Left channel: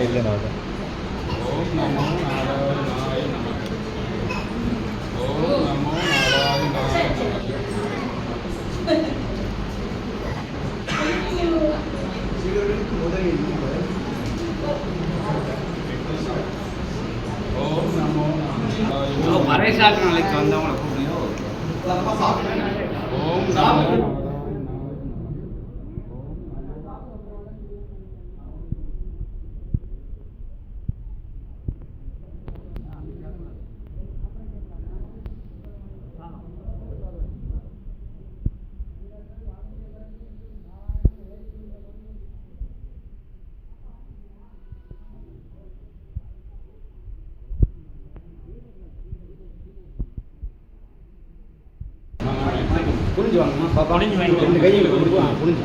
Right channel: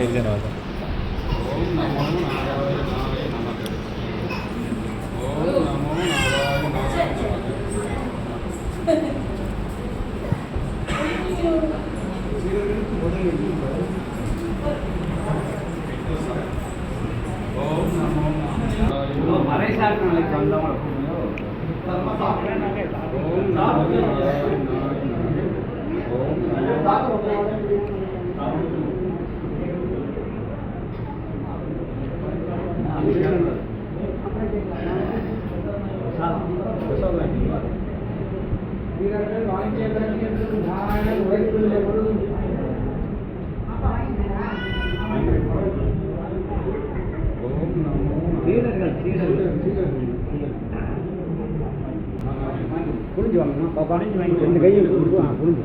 ಐದು மறைசாட்டு நாளைக்கு வந்தவங்களை கூப்பிடுங்க ஓம் நமோ வீரர்கள் வாங்கிய பிறகு புரிஞ்சு வாங்கம்மா பாப்பா. புரிஞ்சு.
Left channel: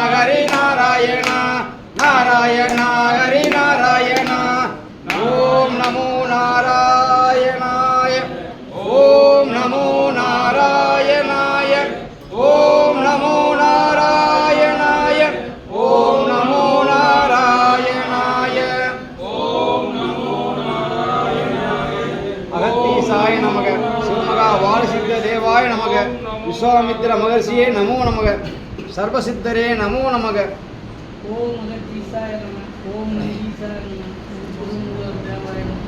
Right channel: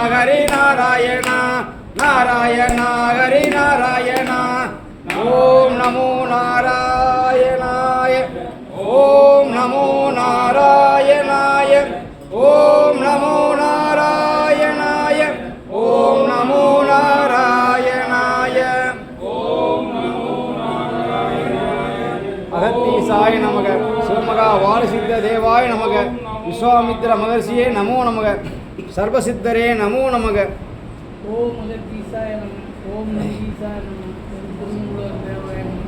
வாலசித்த நமக. விஸ்வாமித்திர மகர்ஷியே நமோ நமக. சர்வசித்தரே நமோ நமக. ஓம் அகத்தீசாய நம ஓம் நந்தீசாய நம ஓம் குருங்குலர் தேவாய நம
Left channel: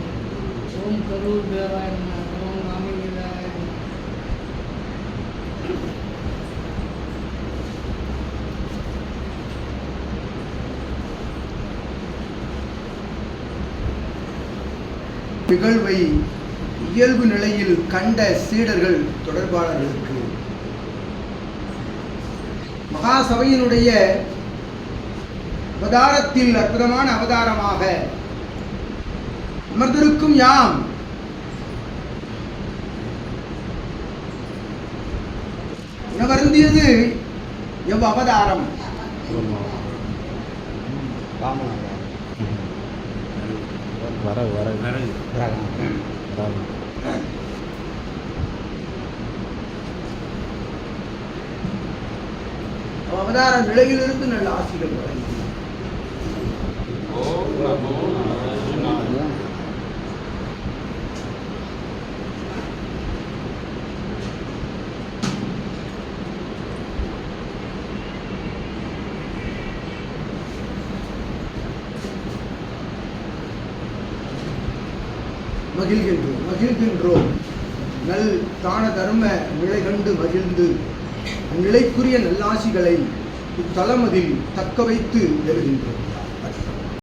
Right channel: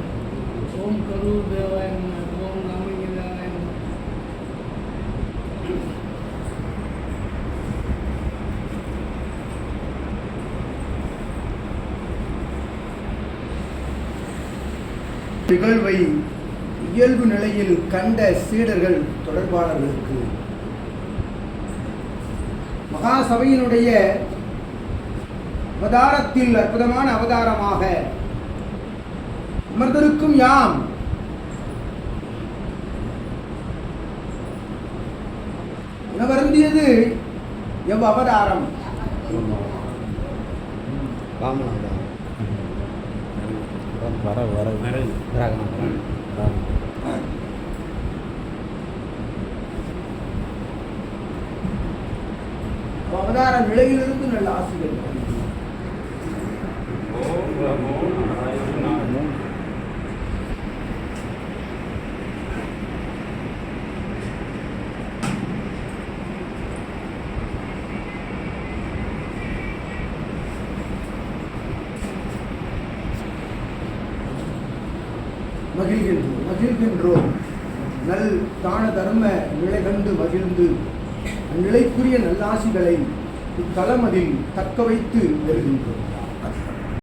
ஓம் கரூர் தேவாய நம ஓம் ராமலிங்காய நிகழ்வை இயல்பு நிலையில் கண்ட சீடர்கள் தொடர்பாளர்களுக்கு. மகாசபையினுடைய அவதாரத்தில் அற்புதமான அவதாரமாக அமர்ந்திருக்கும் யாம்? உணவருந்தியது எவ் அவதாரம்? வர. வர வர. அவதார நிலையிலிருந்து நல்ல ஆசிகள் வழங்கி மகிழ்கின்றோம் மகிழ்கின்றோம். நல் தான தர்ம நிலை கண்டு மகிழ்ந்து நிலைக்குரிய நல்லாசிகளை இத்தலமதில் தக்க வைத்து எழுகின்றோம்